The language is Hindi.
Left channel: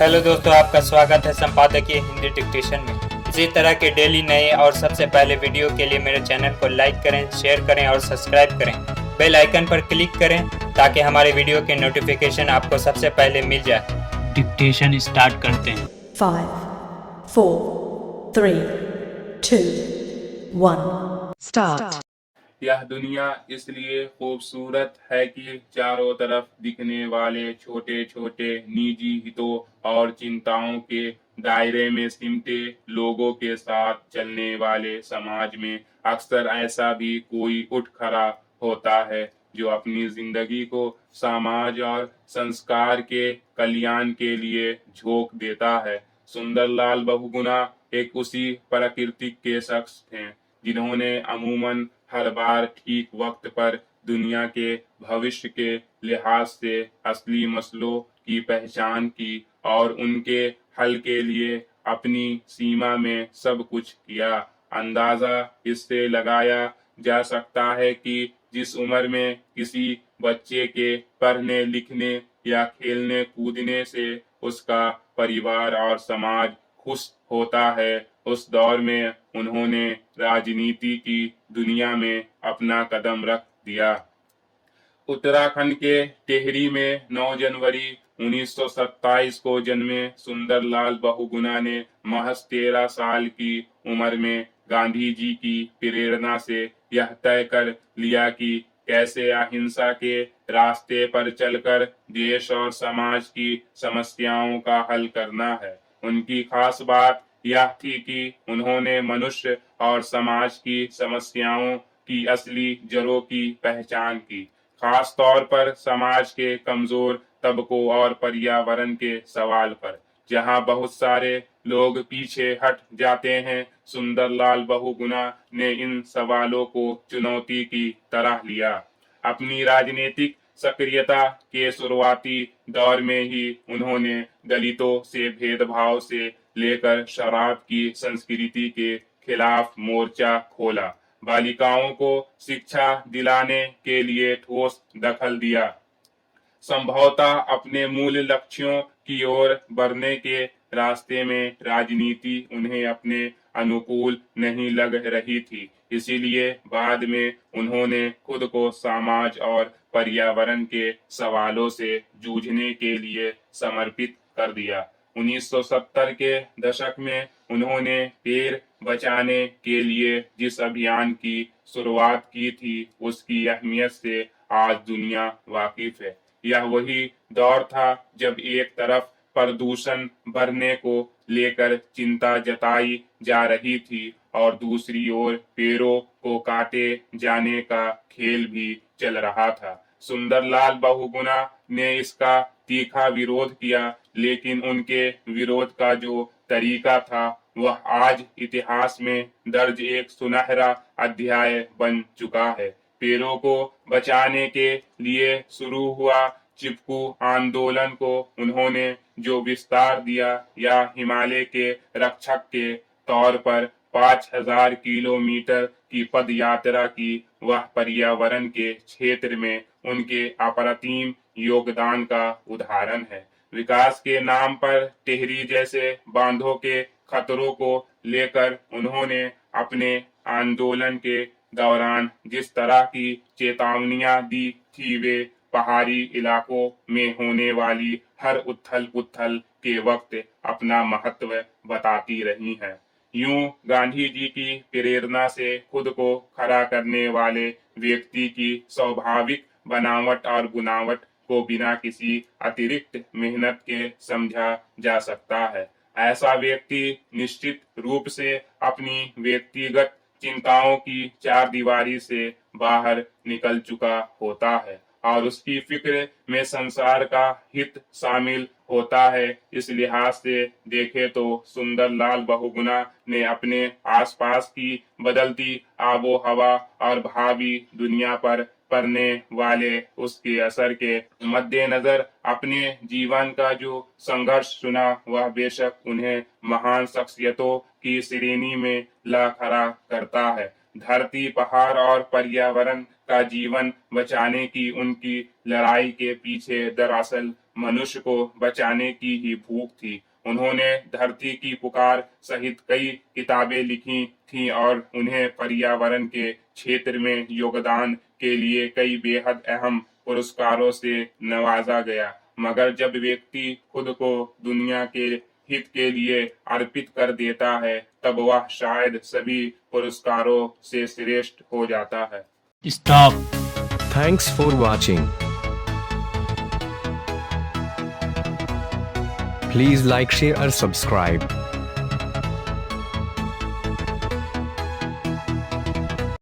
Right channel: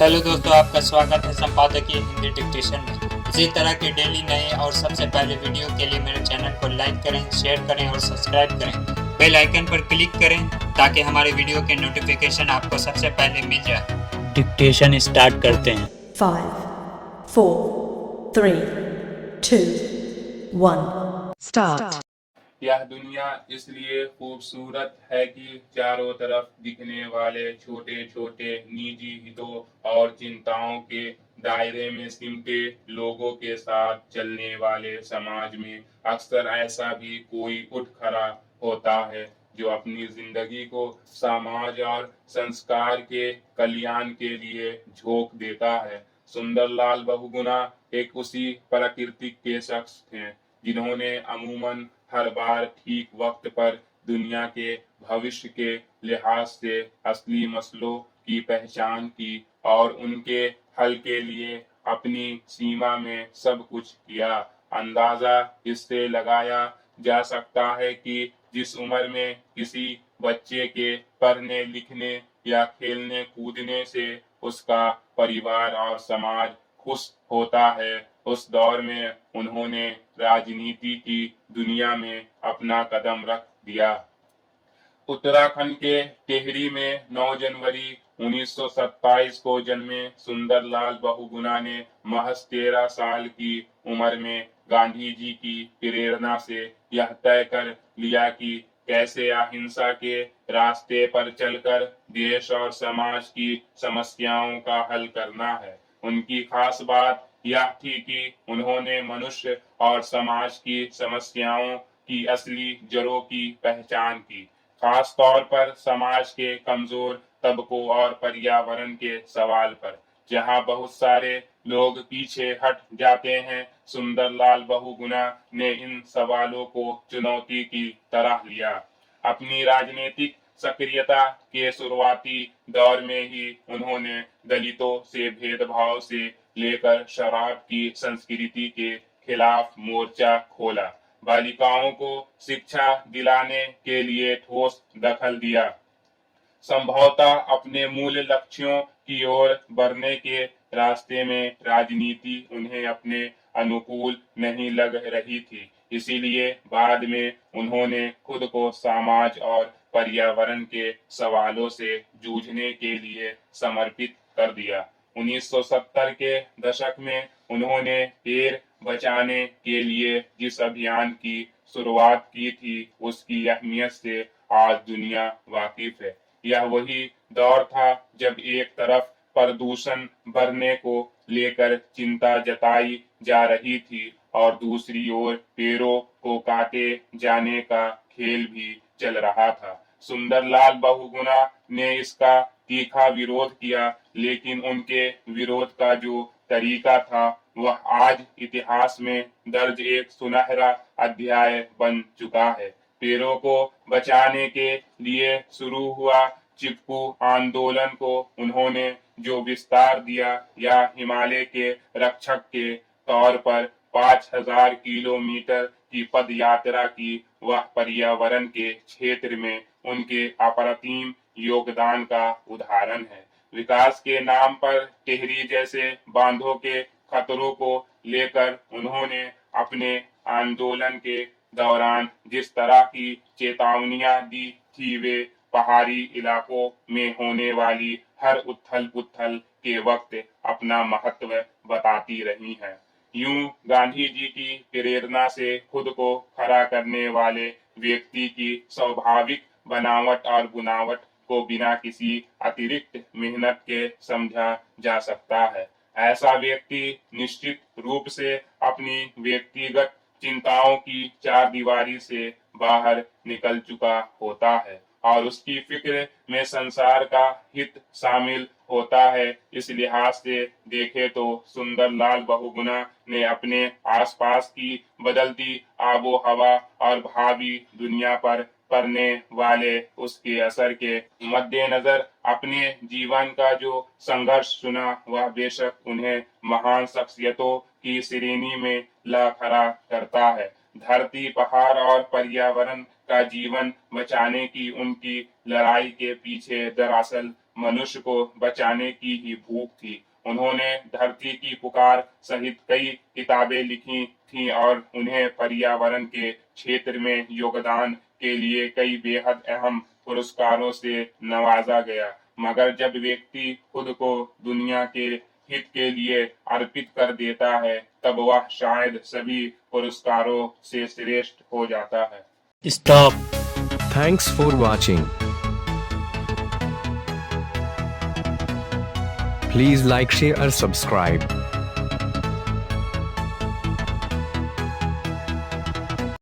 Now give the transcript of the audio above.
हेलो दोस्तों, आपका स्वागत है संपादकीय हिंदी डिक्टेशन में। इसी तरह के डेली नए और सबसे पहले वीडियो के लिए मेरे चैनल को लाइक करें, शेयर करें और सब्सक्राइब करें। बेल आइकन पर क्लिक करें ताकि हमारे वीडियो के नोटिफिकेशन आपको सबसे पहले मिल जाए। डिक्टेशन स्टार्ट करते हैं। 5, 4, 3, 2, 1 स्टार्ट। यह दुनिया इसलिए खूबसूरत है कि चारों तरफ दिखने वाले छोटे छोटे निजी हितों और चिंताओं के दायरे में सिमटे लोगों के साथ चलने वाले समाज में अक्सर ऐसा भी कोई उठ खड़ा होता है जो अपनी जिंदगी को समाज और संस्कार के कल्याण के लिए झोंक देता है। सुंदरलाल बहुगुणा एक उसी प्रकृति के शख्स थे जिन्होंने अमूमन हर बार ठीक वक्त पर दुनिया के भविष्य के लिहाज से असली मसलों की पहचान की और उनके हल के लिए अपनी सीमा में सब कुछ किया। अंदाजा इससे लगाया जा सकता है कि जिस उम्र में किसी बच्चे के पढ़ने लिखने या खेलने कूदने से उसका परिवार और समाज खुश होता है, उस दौर में उन्होंने राजनीति की दुनिया में अपना कदम रख दिया। उत्तराखंड के टिहरी में 9 जनवरी 1927 को जन्मे सुंदरलाल बहुगुणा ने महज 13 साल की उम्र में गांधी जी की प्रेरणा से यह तय कर लिया कि कैसे अहिंसा के रास्ते पर चलकर देश और समाज की समस्याओं का हल करना है। उनकी खास बात यह थी कि उन्होंने मनुष्य और समाज की समस्याओं की असली जड़ों की पहचान की, खास तौर पर समाज के कमजोर तबकों और पर्यावरण के सवाल पर। जहां बहुत सारे लोग पीछे हट जाते हैं, सुंदरलाल बहुगुणा ने इन सवालों को चुनौती की तरह लिया। अपनी राजनीतिक सक्रियता के शुरुआती दौर में ही उन्होंने दलितों से भेदभाव से लेकर शराब की संस्कृति के खिलाफ मोर्चा खोला, बालिकाओं को शिक्षा दिलाने के लिए ठोस दखल दिया। संभवतः अपने मूल लक्ष्यों की ओर बढ़ने के रास्ते में राजनीति उन्हें अपने अनुकूल नहीं लग रही थी, इसीलिए बाद में उन्होंने खुद को समाज और पर्यावरण के सवालों से जूझने के लिए समर्पित कर दिया। 1970 के दशक में उन्होंने पेड़ बचाने के लिए जिस अभियान की शुरुआत की थी, उसकी अहमियत से आज दुनिया वाकिफ है। यह वही दौर था जब एक तरफ प्रदूषण बढ़ने को लेकर चिंता जताई जा रही थी और दूसरी ओर पेड़ों को काटे जाने का खेल भी चल रहा था। सुंदरलाल बहुगुणा ने इसका तीखा विरोध किया, लेकिन उनके विरोध का जो तरीका था वह आज इतिहास में दर्ज एक सुनहरा अध्याय बन चुका है। पेड़ों को बचाने के लिए शुरू हुआ चिपकू आंदोलन को उन्होंने जो विस्तार दिया या हिमालय के रक्षक के तौर पर 5000 किलोमीटर की पद यात्रा की, वह पर्यावरण के क्षेत्र में उनके अप्रतिम योगदान का उदाहरण है। विकास के नाम पर टिहरी जैसे बांधों के खतरों को लेकर उन्होंने अपने आंदोलन के दौरान जिस तरह की चेतावनियां दी थी, वे पहाड़ी इलाकों में होने वाली हर उथल पुथल के वक्त अपना महत्व बताती रही हैं। यूं गांधी जी की प्रेरणा से खुद को खड़ा करने वाले व्यक्ति की स्वाभाविक बनावट और गुनावट को बिना किसी अतिरिक्त मेहनत के समझा जा सकता है। ऐसा व्यक्ति निश्चित रूप से अपनी व्यक्तिगत चिंताओं की चार दीवारी से बाहर निकल चुका होता है और उसकी फिक्र में संसार का हित शामिल होता है। इस लिहाज से देखें तो सुंदरलाल बहुगुणा ने अपने आसपास की बदलती आबो हवा और भावी दुनिया पर पड़ने वाले उसके असर के मद्देनजर अपने जीवन का जो संघर्ष चुना, वह बेशक उन्हें महान शख्सियतों की श्रेणी में ला खड़ा करता है। धरती, पहाड़ और पर्यावरण का जीवन बचाने की उनकी लड़ाई के पीछे दरअसल मनुष्य को बचाने की ही भूख थी। उन्होंने धरती की पुकार सहित कई किताबें लिखी थीं और उन्हें पर्यावरण के क्षेत्र में योगदान के लिए कई बेहद अहम पुरस्कारों से नवाजा गया। मगर जब व्यक्ति खुद को दुनिया के हित के लिए अर्पित कर देता है, तब वह शायद सभी पुरस्कारों से श्रेष्ठ हो जाता है। Stop. Thanks for watching. Please like, share, or subscribe.